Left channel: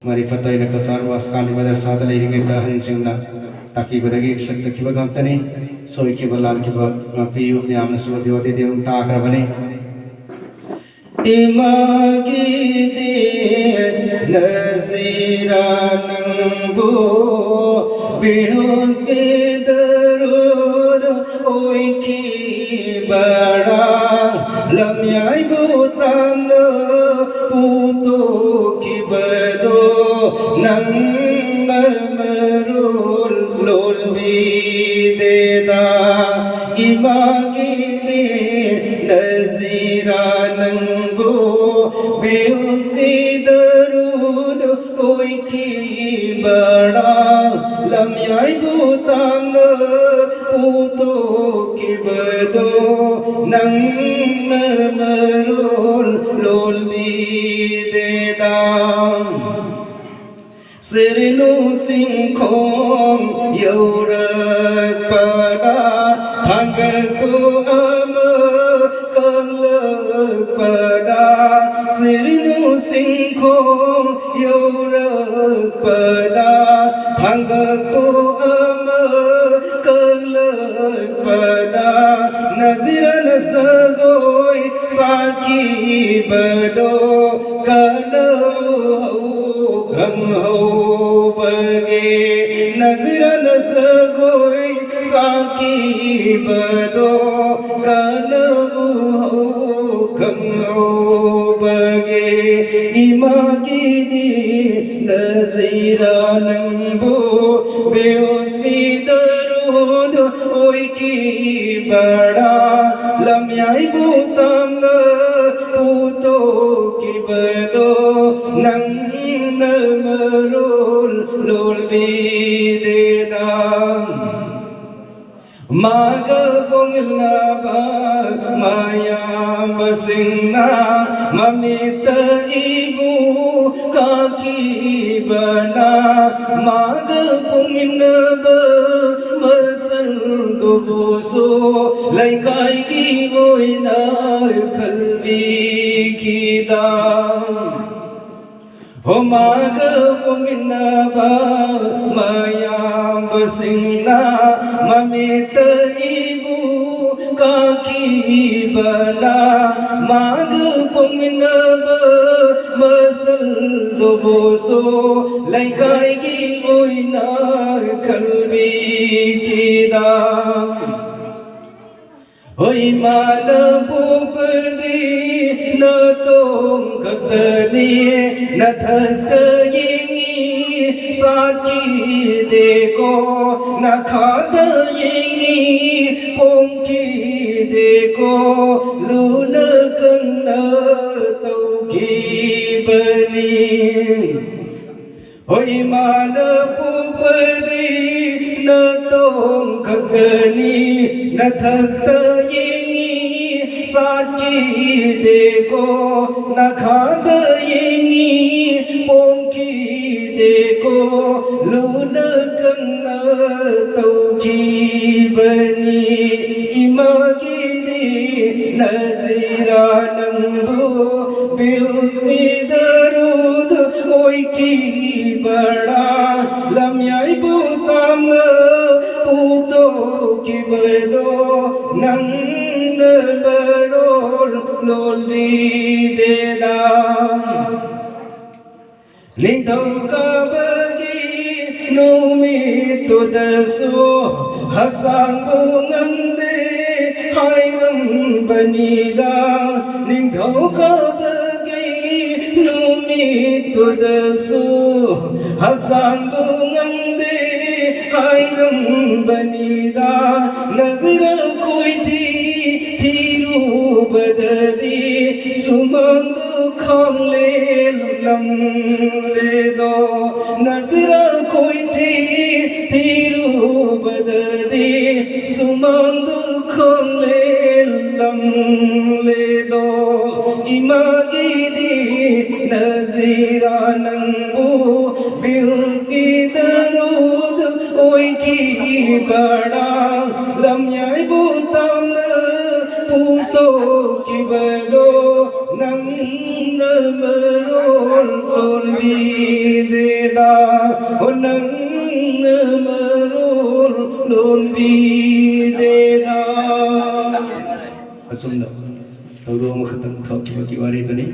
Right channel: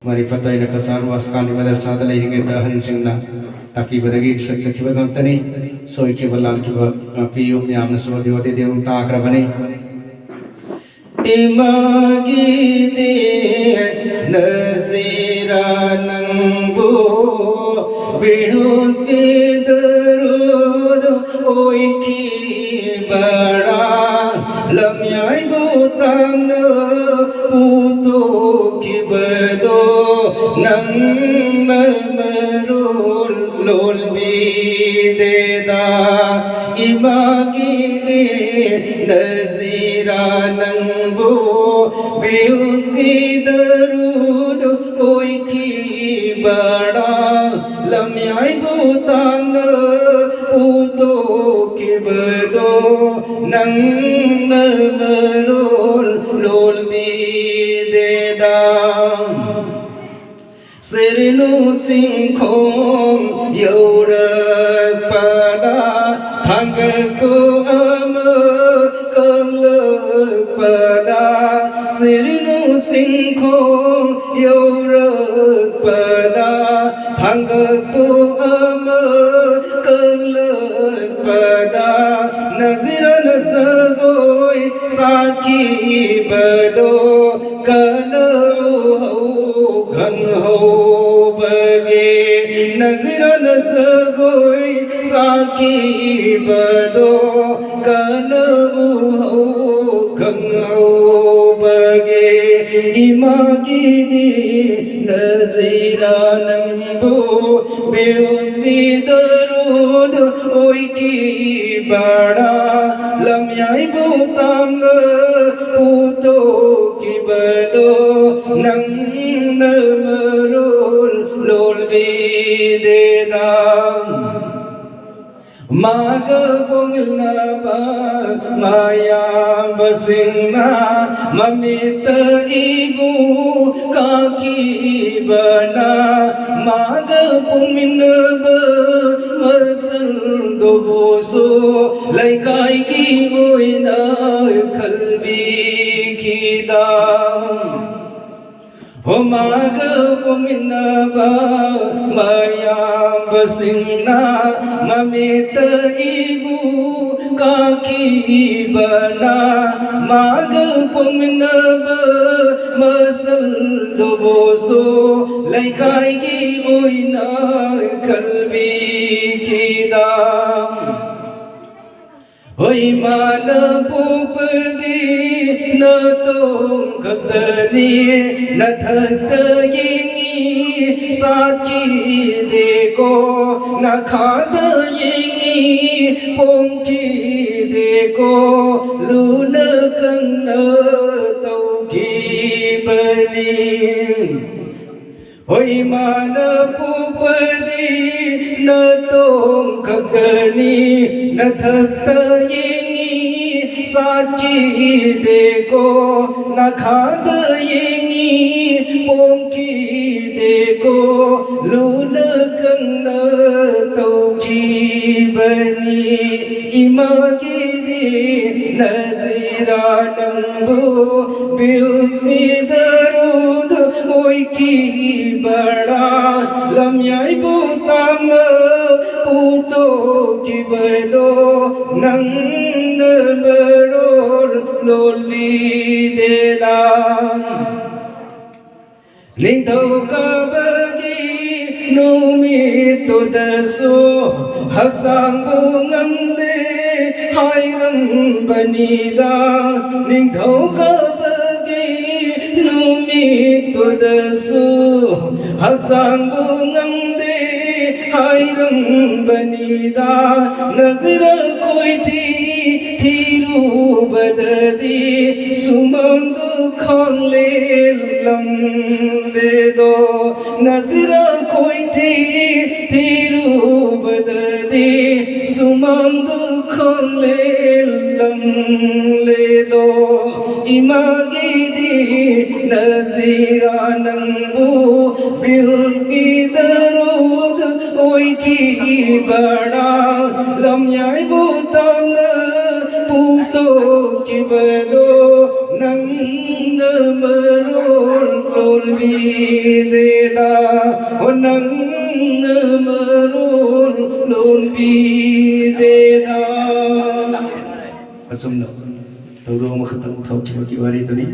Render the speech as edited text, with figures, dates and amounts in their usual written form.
Mari patay na kasal was kali madrasa da lehingi dahan singna tapi badagi saksa kiba gantani soi kiba lal kiba piyu miyamna suba diwati devang ta akrabani imagi de nazira nangbo behus ke darud oi ki bara lamyai butam na puto kibado nang namarul lol bideda imagi de nazira nangbo beus ki darud oi ki bara lamyai butam na puto kibado nang namarul lol bideda Sirnu singkhom yaurak pada hangku ama kelak pada Sirnu singkhom yaurak pada hangku ama kelak pada nazira nasagoi saki bado kana ho bage nazira nasagoi saki bado kanabu ho bage imagi di nazira nambu beosti darud oi ki bada lamyai butam puto ki bado nang namarul lol bideda maga pongna ba maya basingna mamita ibu kaki bana maga pongna ba masal do boso laikai ki oina khalbi kida Homaga pumina ba mayam basingna mamita ibu kaki bana maga pumina ba masal do boso laikai gi oina kalbi kida Hoi mana pupadi na tong katani na thatayingi saki deko na khadayingi pongki deko luna kanna tauki bani Hoi mana pupadi na tong katani na thatayingi saki deko na khadayingi pongki deko luna kanna tauki bani imagi di nazira nambu beusni darud oi ki bada lamyai butam puto ki bado nang namarul lol bideda Lintau kabagi numit tudaso haksang bungamde hairam banida Lintau kabagi numit tudaso haksang bungamde hairam banida nazira koi thiru badadi sumandu khamle lam de do nazira koi thiru badadi sumandu khamle lam le do imagi di nazira nambu bihuti darud oi ki bada lamyai butam puto ki bado nang namarul lol bi de da nang marul lol bi de da asum no tawro ma khatam khau ki wari to ni